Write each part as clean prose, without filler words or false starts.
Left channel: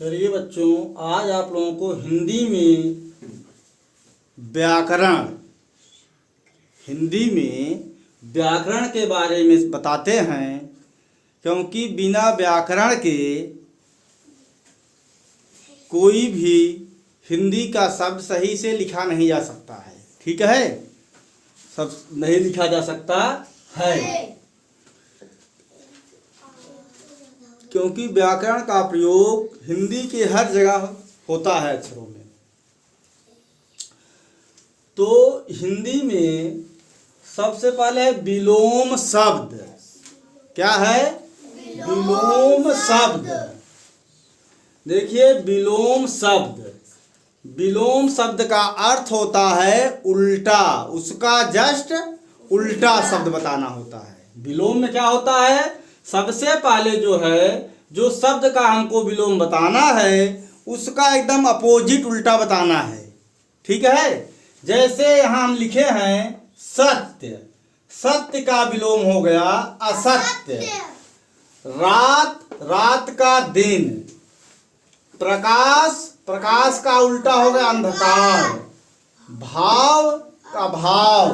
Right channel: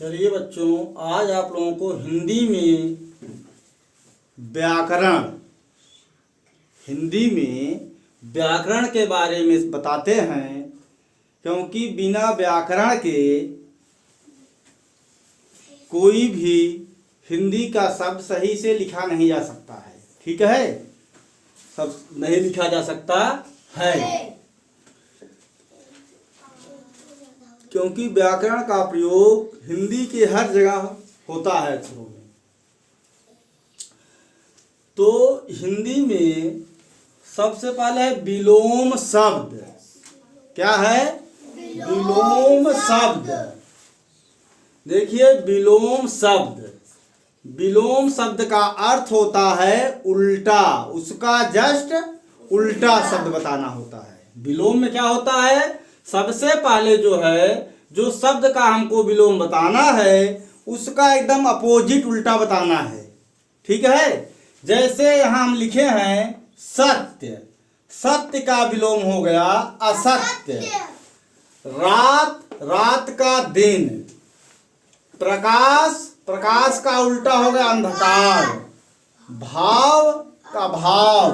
चलिए बच्चों, आज आप लोगों को व्याकरण हिंदी में व्याकरण के बारे में बताते हैं, क्योंकि बिना व्याकरण के कोई भी हिंदी का शब्द सही से लिखा नहीं जा सकता है। ठीक है, सब नहीं लिखा जा सकता है, क्योंकि व्याकरण का प्रयोग हिंदी के हर जगह होता है अक्षरों में। तो हिंदी में सबसे पहले है विलोम शब्द। क्या है? विलोम शब्द। देखिए, विलोम शब्द का अर्थ होता है उल्टा, उसका जस्ट उल्टा शब्द बताना होता है। विलोम में क्या होता है? सबसे पहले जो शब्द का हमको विलोम बताना है, उसका एकदम अपोजिट उल्टा बताना है। ठीक है, जैसे यहाँ हम लिखे हैं सत्य, सत्य का विलोम हो गया असत्य। रात का दिन। प्रकाश का उल्टा हो गया अंधकार। भाव का भाव।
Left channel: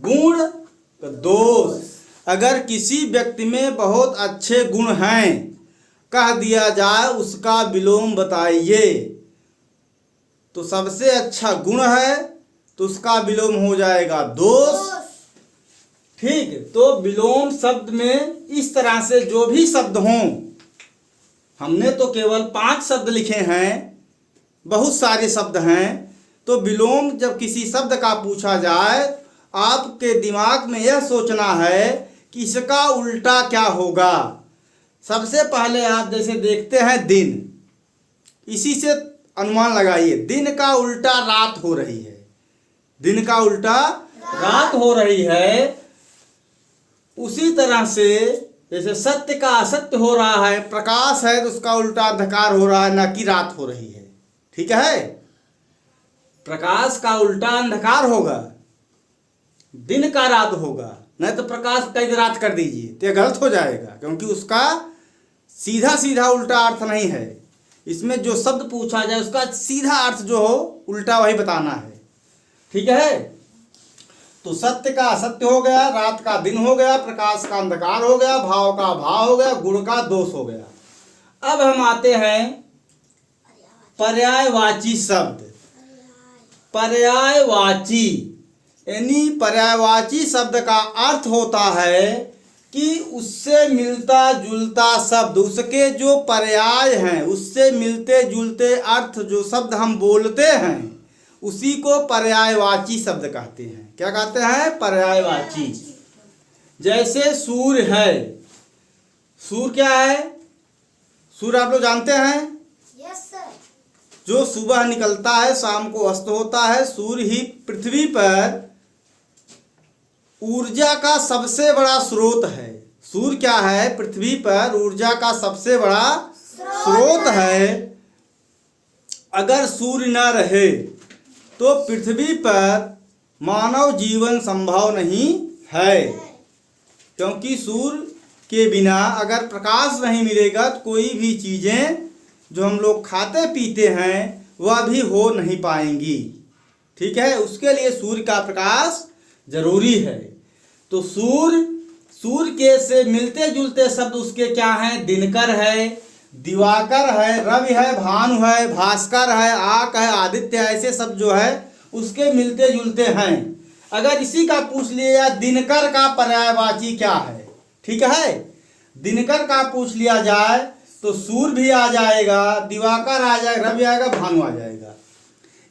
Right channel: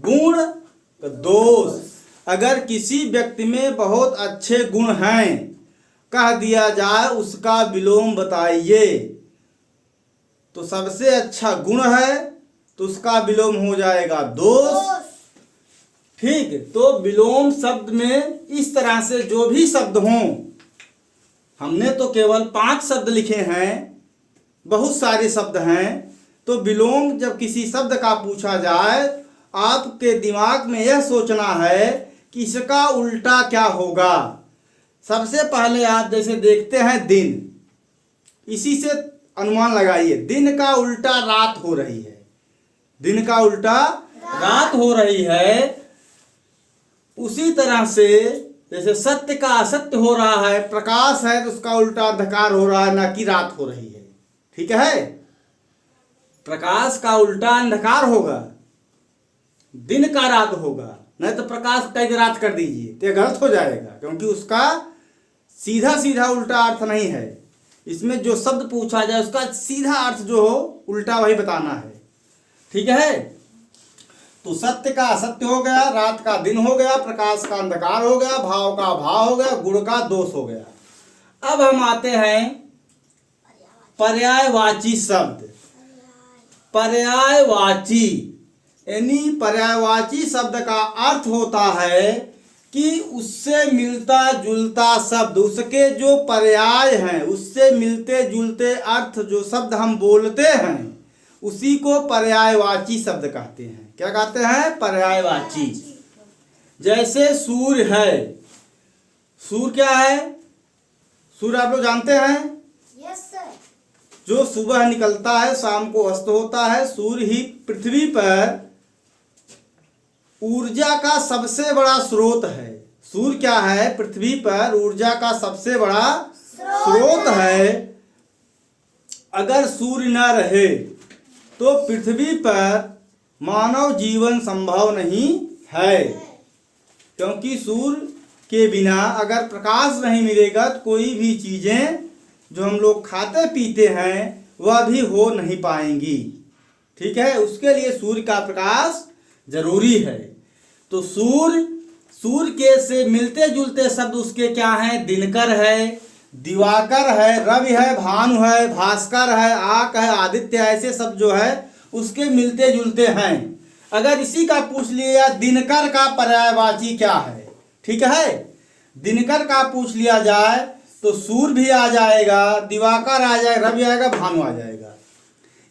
गुण का दोष। अगर किसी व्यक्ति में बहुत अच्छे गुण हैं, कह दिया जाए उसका विलोम बताइए, तो सबसे अच्छा गुण है तो उसका विलोम हो जाएगा दोष। ठीक, तो विलोम शब्द में इस तरह से जो भी शब्द हों, हमने तो केवल 5 शब्द लिखे हैं, बहुत सारे शब्द हैं। तो विलोम जब किसी शब्द का पूछा जाए, आपके दिमाग में यह सोचना है कि इसका उल्टा क्या होगा। सबसे पहले आप जैसे देखते हैं दिन, इसी से अनुमान लगाइए, दिन का उल्टा रात हो रही है। दिन का उल्टा रात हो रही है। उसी तरह से जैसे सत्य का असत्य हो रहा है, प्रकाश है तो उसका उल्टा अंधकार हो रहा है, ना कि रात हो रही है। ठीक है, प्रकाश का उल्टा अंधकार होगा, दिन का रात होगा। नहीं तो प्रकाश कई रात कर दीजिए तो गलत हो जाएगा, क्योंकि उसका सीधा सीधा उल्टा अर्थ नहीं है। इसमें जो शब्द पूछा जाए उसका सीधा अर्थ जो हो उल्टा वही बताना है। ठीक है, तो सत्य का असत्य हो गया, रात का दिन हो गया, प्रकाश का अंधकार हो गया, भाव का भाव हो गया, गुण का दोष हो गया। अब हम आते हैं पर्यायवाची शब्द। पर्यायवाची यानी पर्यायवाची शब्द का अर्थ होता है कि उससे मिलता जुलता शब्द, उसके जो पर्याय हैं, उससे मिलते जुलते अर्थ जो शब्द हम बोलते हैं, उसी को पर्यायवाची शब्द कहते हैं। क्या कहते हैं? पर्यायवाची। जैसे सूर्य है। सूर्य क्या है? सूर्य आप लोग जानते हैं? Yes sir. जो सुबह निकलता है, शाम को अस्त होता है। सूर्य ही पृथ्वी पर ऊर्जा का सबसे बड़ा स्रोत है। सूर्य क्या है? पृथ्वी पर ऊर्जा का सबसे बड़ा स्रोत है। अगर सूर्य न रहे तो पृथ्वी पर मानव जीवन संभव नहीं है, क्योंकि सूर्य के बिना अगर प्रकाश नहीं मिलेगा तो कोई भी चीज़ें जो हम लोग खाते पीते हैं वह भी हो नहीं पाएंगी। ठीक है, उसके लिए सूर्य का प्रकाश जरूरी है। तो सूर्य के से मिलते जुलते शब्द उसके क्या हैं? दिनकर है, दिवाकर है, रवि है, भानु है, भास्कर है, आक है, आदित्य है। ऐसे शब्द जो है उसके मिलते जुलते हैं। अगर इसी का पूछ लिया दिनकर का पर्यायवाची क्या है, ठीक है, दिनकर का पूछ लिया जाए तो सूर्य भी आ जाएगा, दिवाकर आ जाएगा, रवि आएगा, भानु आ जाएगा।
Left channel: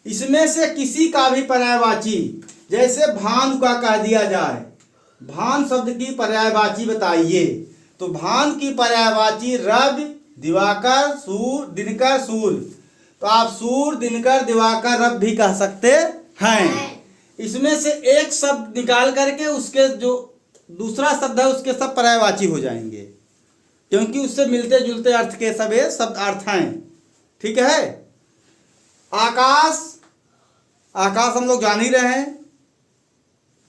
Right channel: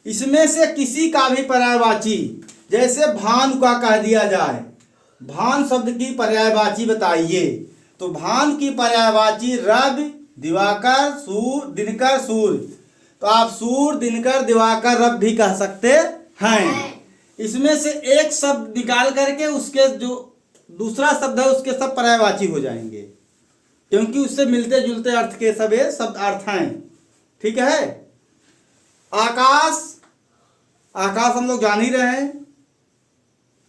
इसमें से किसी का भी पर्यायवाची, जैसे भानु का कह दिया जाए, भान शब्द की पर्यायवाची बताइए, तो भान की पर्यायवाची रवि, दिवाकर, सूर्य, दिनकर, सूर्य। तो आप सूर्य, दिनकर, दिवाकर, रवि भी कह सकते हैं। इसमें से एक शब्द निकाल करके उसके जो दूसरा शब्द है उसके सब पर्यायवाची हो जाएंगे, क्योंकि उससे मिलते जुलते अर्थ के सब ये शब्द अर्थ हैं। ठीक है, आकाश। आकाश हम लोग जान ही रहे हैं,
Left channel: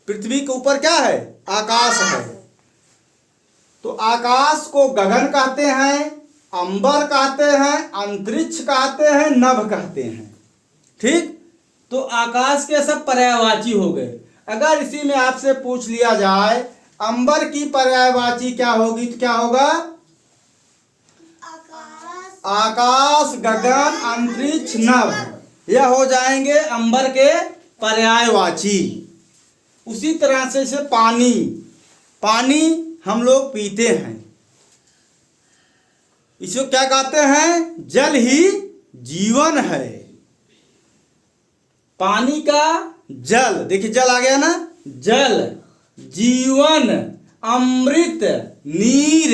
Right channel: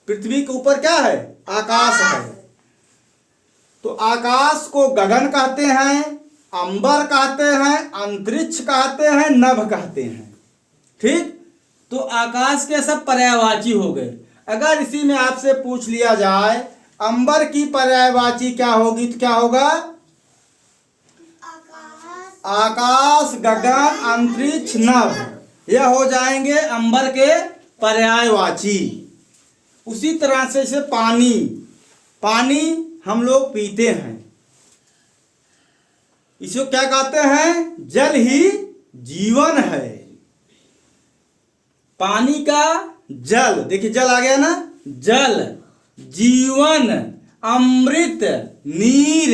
पृथ्वी के ऊपर क्या है? आकाश है। तो आकाश को गगन कहते हैं, अंबर कहते हैं, अंतरिक्ष कहते हैं, नभ कहते हैं। ठीक, तो आकाश के सब पर्यायवाची हो गए। अगर इसी में आपसे पूछ लिया जाए अंबर की पर्यायवाची क्या होगी तो क्या होगा? आकाश, गगन, अंतरिक्ष, नभ, यह हो जाएंगे अंबर के पर्यायवाची। उसी तरह से पानी, पानी हम लोग पीते हैं, इसको क्या कहते हैं? जल ही जीवन है। पानी का जल, देखिए जल आ गया ना, जल, जीवन, अमृत, नीर,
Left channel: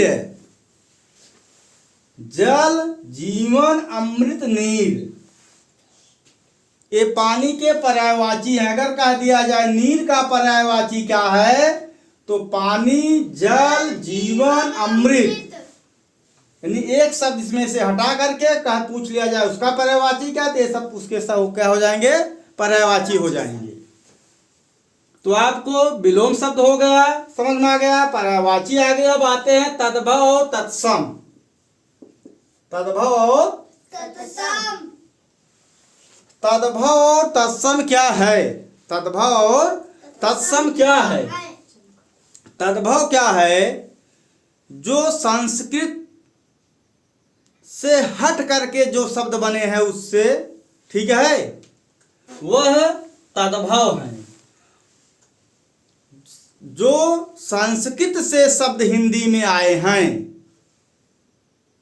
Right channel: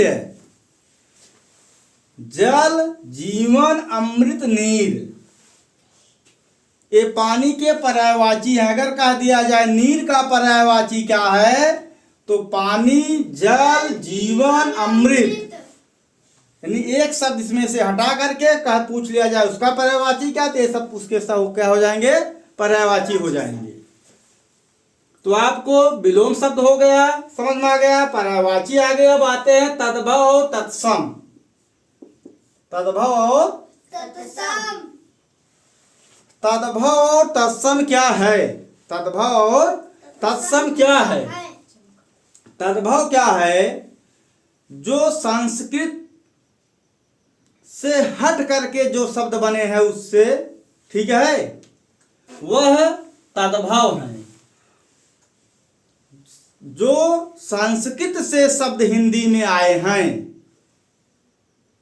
जल, जीवन, अमृत, नीर, ये पानी के पर्यायवाची हैं। अगर कह दिया जाए नीर का पर्यायवाची क्या है तो पानी, जल, जीवन, अमृत, यानी एक शब्द इसमें से हटा करके कह पूछ लिया जाए उसका पर्यायवाची क्या, तो ये सब उसके सब क्या हो जाएंगे? पर्यायवाची हो जाएंगे। तो आपको विलोम शब्द हो गया, समझ में आ गया, पर्यायवाची आ गया। अब आते हैं तद्भव और तत्सम। तद्भव और तत्सम, तद्भव और तत्सम क्या है? तद्भव और तत्सम क्या है? तद्भव क्या है? जो संस्कृत से हट करके जो शब्द बने हैं उससे, ठीक है, वह तद्भव है। जो संस्कृत से शब्द हिंदी में आए हैं,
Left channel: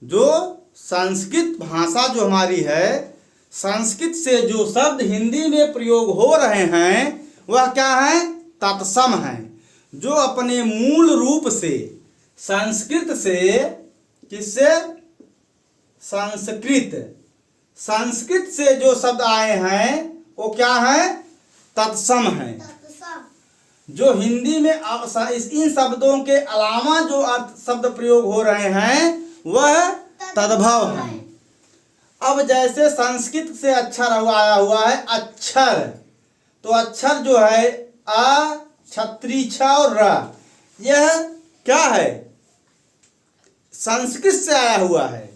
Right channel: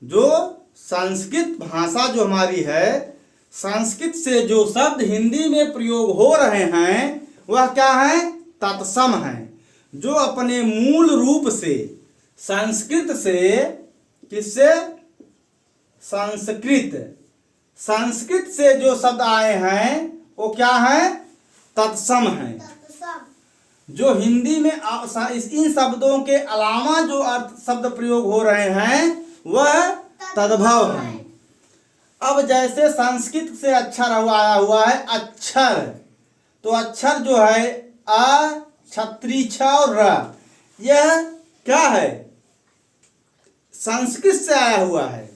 जो संस्कृत भाषा जो हमारी है, संस्कृत से जो शब्द हिंदी में प्रयोग हो रहे हैं वह क्या है? तत्सम है। जो अपने मूल रूप से संस्कृत से, किससे? संस्कृत, संस्कृत से जो शब्द आए हैं वो क्या है? तत्सम है। जो हिंदी में इन शब्दों के अलावा जो अर्थ शब्द प्रयोग हो रहे हैं वह तद्भव है। अब जैसे संस्कृत से अक्षर आया हुआ है अक्षर, तो अक्षर जो है अ, छत्री, छ और र, यह क्या है? संस्कृत से आया हुआ है।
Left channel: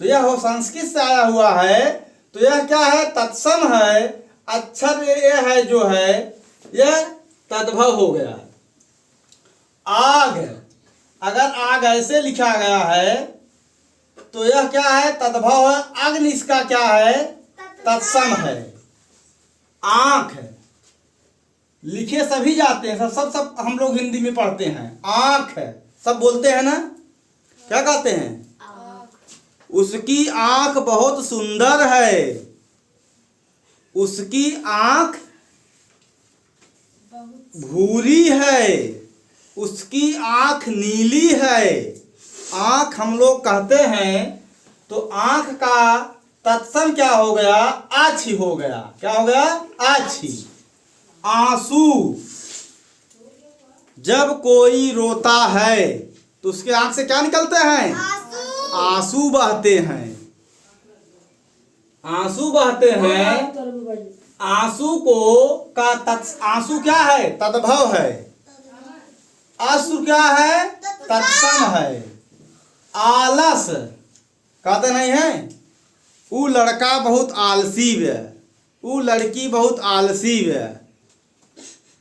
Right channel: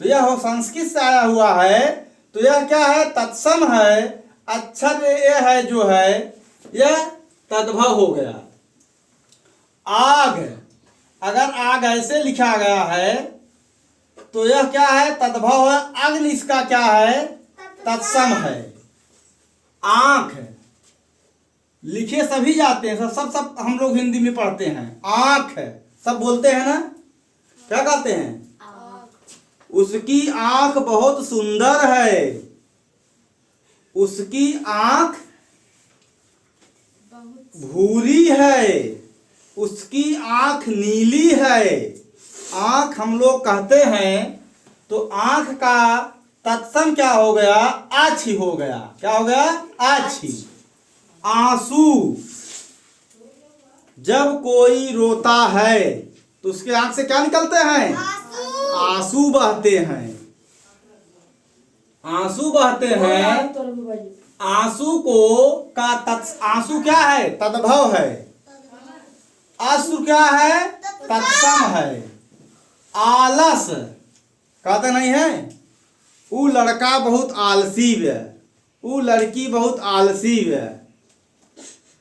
तो यह हो संस्कृत से आया हुआ है तो यह क्या है? तत्सम है। अक्षर यह है जो है यह तद्भव हो गया। आग, अगर आग ऐसे लिखा गया है तो यह क्या है? तद्भव है। अग्नि इसका क्या है? तत्सम है। आंख, लिखे सभी जाते हैं, सब सब सब हम लोग हिंदी में पढ़ते हैं। आंख सब बोलते हैं ना, क्या कहते हैं? उसकी आंख बहुत सुंदर है, उसकी आंख भूरी है, उसकी आंख नीली है। आंख हम लोग कहते हैं तो आंख का तत्सम क्या हो गया? आछी हो गया। क्या हो गया? आछी। आंसू, जब कोई रोता है तो उसके आंख से क्या निकलते हैं? आंसू बहते हैं। आंसू बहते हैं। आंसू को का आंसू क्या है? तद्भव है। अश्रु क्या है? तत्सम है। आलस कहते नहीं है, वो लड़का बहुत आलसी है, वो लड़की बहुत आलसी है,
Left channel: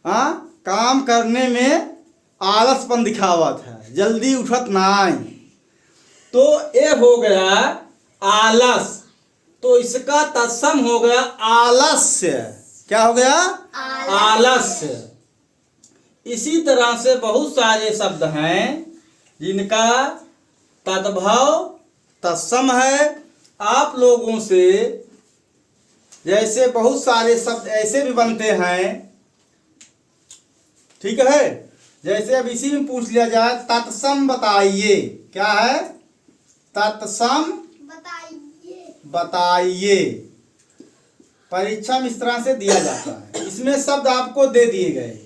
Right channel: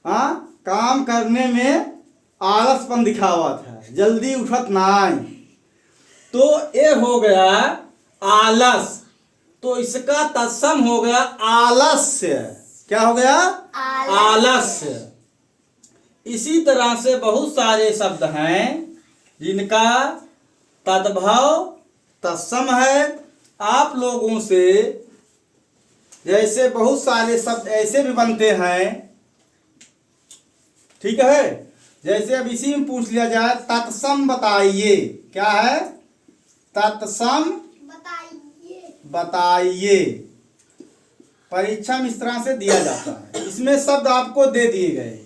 हाँ, काम करने में आलसपन दिखावत है, जल्दी उठत नहीं। तो ये हो गया आलस, तो इसका तत्सम हो गया आलस्य। क्या हो गया? आलस्य। इसी तरह से बहुत सारे शब्द हैं जिनका तद्भव तत्सम है। आप लोगों से जैसे बहुत सारे शब्द ऐसे भी बनते हैं, ठीक है, जैसे अब इसी में पूछ लिया जाए तत्सम बताइए। क्या है? तत्सम बताइए। परीक्षा में इस तरह से दिया जाता है। इसमें शब्द आपको दे दिए गए,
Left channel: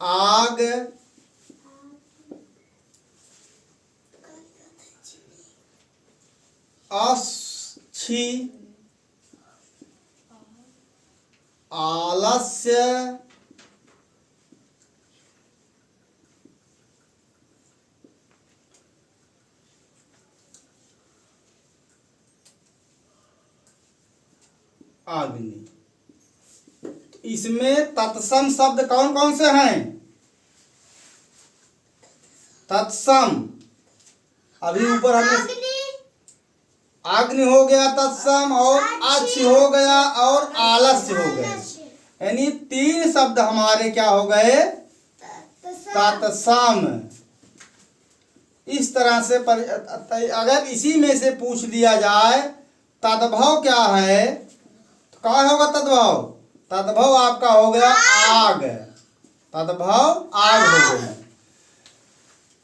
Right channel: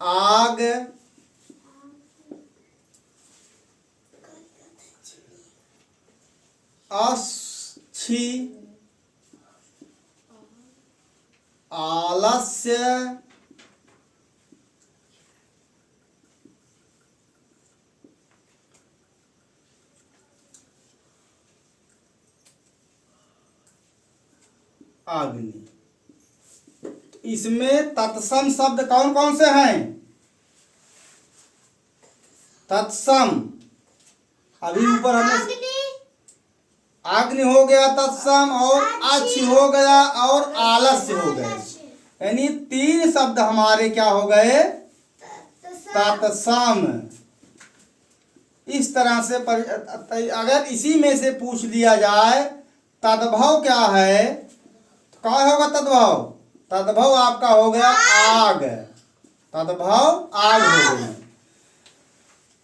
आग, अच्छी, आलस्य, अग्नि। इसमें तत्सम शब्द कौन कौन से हैं? तत्सम, अभी ऊपर हमने अग्नि हो गया तत्सम, और अच्छ हो गया, और आलस्य हो गए। यानी 3 शब्द हमारे क्या हो गए? तत्सम। इस तरह से अगर इसी में से पूछ लिया जाए तद्भव क्या है, तो क्या होगा तद्भव? तद्भव आपका हो गया आग। तद्भव आग हो गया।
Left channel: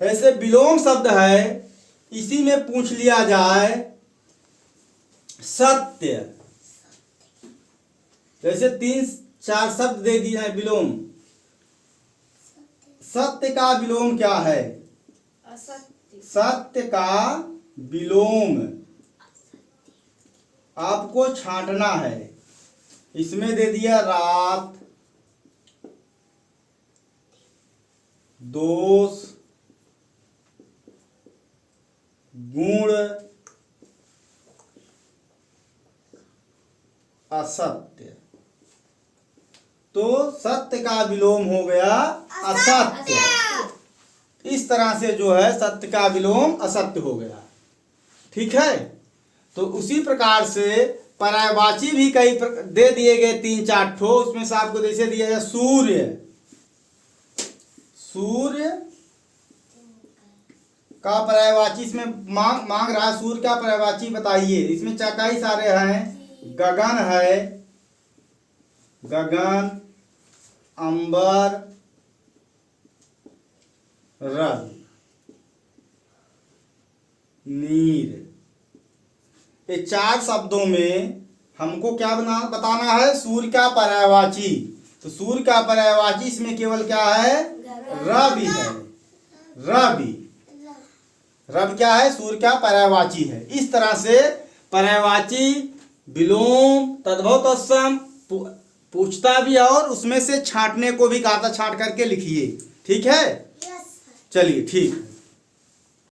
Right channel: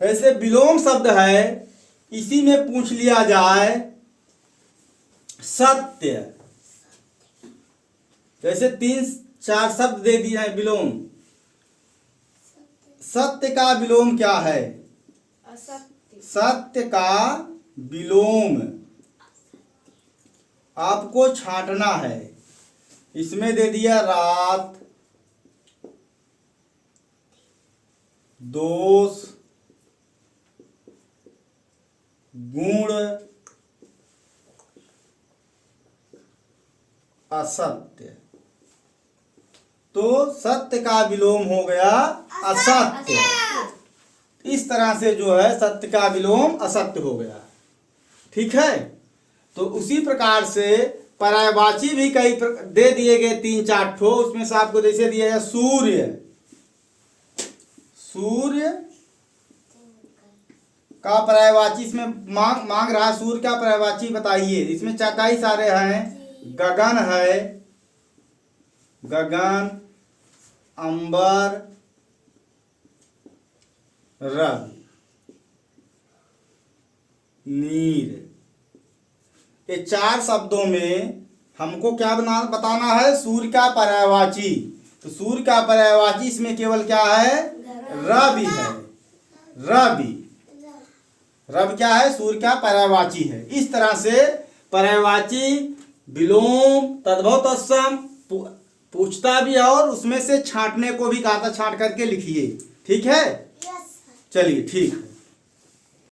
ऐसे विलोम शब्द है, इसी में पूछ लिया जाए सत्य, जैसे 3-4 शब्द दे दिए हैं विलोम। सत्य का विलोम क्या है? असत्य। सत्य का विलोम आपको छांटना है। इसमें दे दिया रात, दोष, गुण, असत्य। तो सत्य का विलोम हो गया असत्य। इस तरह से जो है सत्य का विलोम असत्य हो गया। ठीक है। तो उसी प्रकार से पर्यायवाची भी कई दे दिए गए 3-4 ठो। उसमें से आपको जैसे दिया है सूर्य। सूर्य का पर्यायवाची इसमें मांग रहा है। सूर्य का पर्यायवाची बताइए। इसमें कई सारे हैं। गगन है, गगन, अंबर, रवि, नीर। ये 4 शब्दों में हमको क्या बताना है? सूर्य का पर्यायवाची। तो सूर्य का पर्यायवाची इसमें केवल क्या है? रवि है। रवि, रवि क्या है? सूर्य का पर्यायवाची है। इस तरह से पर्यायवाची, विलोम, तद्भव, तत्सम पूछता भी है, और उसमें से छांटने को भी कहा था। छांट करके लिखिए। ठीक है, चलिए ठीक है।